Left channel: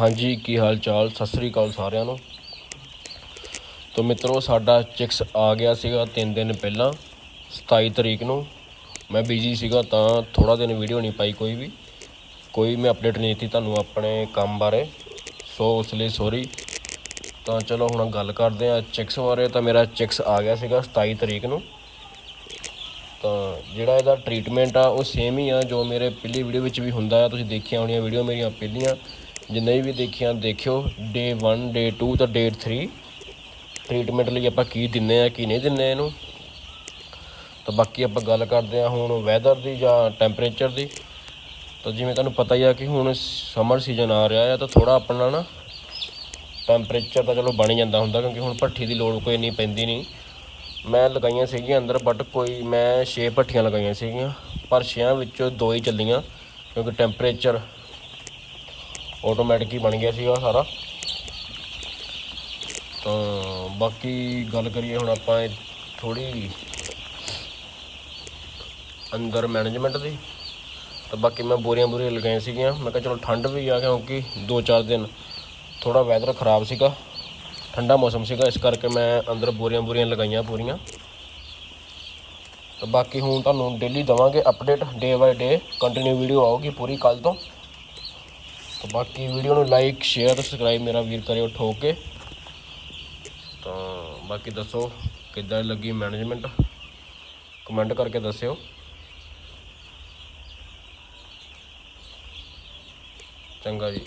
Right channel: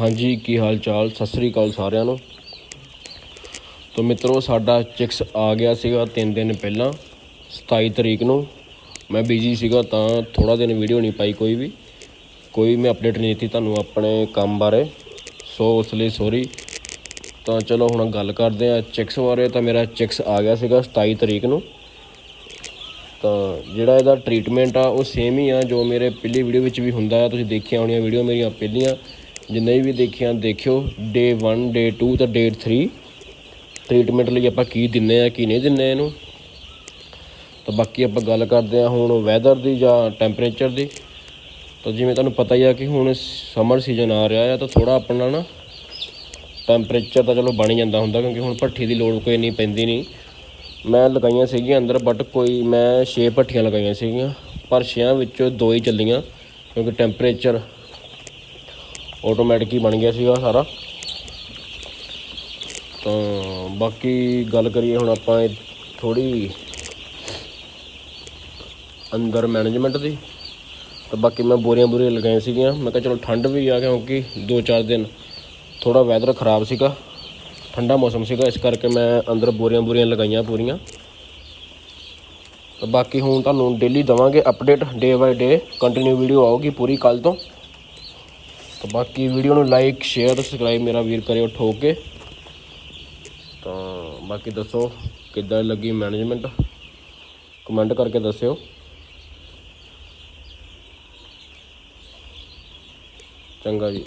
ਹਾਂਜੀ, ਕੀ ਹਾਲ ਚਾਲ? ਸਤਿ ਸ੍ਰੀ ਅਕਾਲ ਸਾਰਿਆਂ ਨੂੰ। ਤੋਂ ਮਿੱਤਰੋ, ਸਾਡਾ ਚਿਕਸ ਆ ਗਿਆ ਸੀਗਾ 3 ਦਿਨ ਪਹਿਲਾਂ 27 ਤਰੀਕ ਨੂੰ। ਮੈਂ ਬਿਜ਼ੀ ਸੀਗਾ ਤਾਂ ਥੋੜਾ ਦਿਨ ਵੀਡੀਓ ਨਹੀਂ ਪਾਈ ਕੋਈ ਵੀ। ਕੋਈ ਮੈਂ ਅਪਡੇਟ ਨਹੀਂ ਦਿੱਤੀ ਤੁਹਾਨੂੰ ਆਪਣੇ ਕੰਮ ਬਾਰੇ। ਸੋ ਉਸ ਲਈ ਸੌਰੀ ਤਾਂ ਚਲੋ, ਹੁਣ ਗੱਲ ਕਰਦੇ ਆ ਚਿਕਸ ਬਾਰੇ। ਤਾਂ ਮੇਰਾ ਚਿਕਸ ਆ ਗਿਆ ਸੀਗਾ 27 ਤਰੀਕ ਨੂੰ। ਤਾਂ ਜਿਹੜਾ ਇਹਦਾ ਟ੍ਰੀਟਮੈਂਟ ਆ, ਉਹ ਸੇਮ ਹੀ ਆ ਜੋ ਮੇਰੇ ਪਹਿਲੀ ਵੀਡੀਓ ਵਿੱਚ ਵੀ ਹੁੰਦਾ ਆ। ਤੁਸੀਂ ਦੇਖੀਆਂ ਹੋਣੀਆਂ ਵੀਡੀਓ ਮੇਰੀਆਂ ਪਹਿਲੀਆਂ। ਜਿੰਨੇ ਵੀ ਦੇਖੀਆਂ, ਦੇਖਿਓ ਡੇ 1 ਡੇ 2 ਤਾਂ ਡੇ 3 ਟ੍ਰੀਟਮੈਂਟ ਲਈ ਆਪਾਂ ਕੀ ਦਿੰਨੇ ਆ, ਕੀ ਨਹੀਂ ਦਿੰਨੇ ਇਹਨੂੰ। ਤਾਂ ਬਾਕੀ ਆਪਾਂ ਗੱਲ ਕਰਦੇ ਆ ਹੁਣ ਵੈਦਰ ਦੀ ਜਾਂ ਟੈਂਪਰੇਚਰ ਦੀ। ਤਾਂ ਜਿਵੇਂ ਤੁਹਾਨੂੰ ਪਤਾ ਹੀ ਆ ਕਿ ਹੁਣ ਸਮਰ ਸੀਜ਼ਨ ਆ ਰਿਹਾ ਆ, ਤਾਂ ਥੋੜਾ ਆਪਣਾ ਨਾ ਟੈਂਪਰੇਚਰ ਤਾਂ ਚਲੋ ਬਣ ਜਾਂਦਾ ਹੁੰਦਾ, ਕਿਉਂਕਿ ਹੁਣ ਭੱਠੀ ਦੀ ਲੋੜ ਕੋਈ ਨਹੀਂ ਪੈਂਦੀ ਨਹੀਂ। ਮੈਂ ਲਗਾਈਆਂ ਸੀਗੀਆਂ ਅੰਦਰ ਬਟ ਕੋਈ ਮੈਂ 6 ਭੱਠੀਆਂ ਲਗਾਈਆਂ ਸੀਗੀਆਂ, ਪਰ 6 ਵਿੱਚੋਂ ਦੋ ਹੀ ਚੱਲੀਆਂ, ਕਿਉਂਕਿ ਟੈਂਪਰੇਚਰ ਆਟੋਮੈਟਿਕ ਹੀ ਬਣ ਗਿਆ ਸੀਗਾ ਸਾਰਾ। ਤਾਂ ਬਾਕੀ ਗੱਲ ਕਰੀਏ ਹੁਣ ਆਪਾਂ ਇਹ ਥੋੜੀ ਅੰਦਰ ਮੈਨੇਜਮੈਂਟ ਦੀ। ਤੇ ਬਾਕੀ ਮੈਂ ਬੋਰੀਆਂ ਬੋਰੀਆਂ ਲਗਾਈਆਂ ਸੀਗੀਆਂ। ਮੈਂ ਕਿਹਾ ਚਲੋ ਠੰਡ ਵੀ ਆ ਗਿਆ ਕਿਉਂਕਿ 2-4 ਦਿਨ ਥੋੜਾ ਵੈਦਰ ਖਰਾਬ ਸੀਗਾ। ਠੰਡਾ ਮੌਸਮ ਸੀਗਾ, ਇਸ ਕਰਕੇ ਮੈਂ ਅੰਦਰ ਬੋਰੀਆਂ ਬੋਰੀਆਂ ਲਗਾਈਆਂ ਪੂਰੀਆਂ। ਤੇ ਬਾਕੀ ਹੁਣ ਤੁਹਾਨੂੰ ਡੇਲੀ ਦਵਾਂਗੇ update day by day continue video ਆਊਗੀ ਪੂਰੀ ਕੱਲ ਤੋਂ। ਤੇ ਬਾਕੀ ਵੀਡੀਓ ਨੂੰ ਲਾਈਕ ਸ਼ੇਅਰ ਸਬਸਕ੍ਰਾਈਬ ਮੇਰਾ ਵੀਰ ਕਰਿਓ ਠੋਕ ਕੇ। ਤਾਂ ਬਾਕੀ ਦੱਸੋ, ਕਿੱਦਾਂ ਲੱਗੀ ਮੈਨੇਜਮੈਂਟ ਕਮੈਂਟ ਕਰਕੇ ਦੱਸਿਓ। ਚੰਗਾ ਜੀ।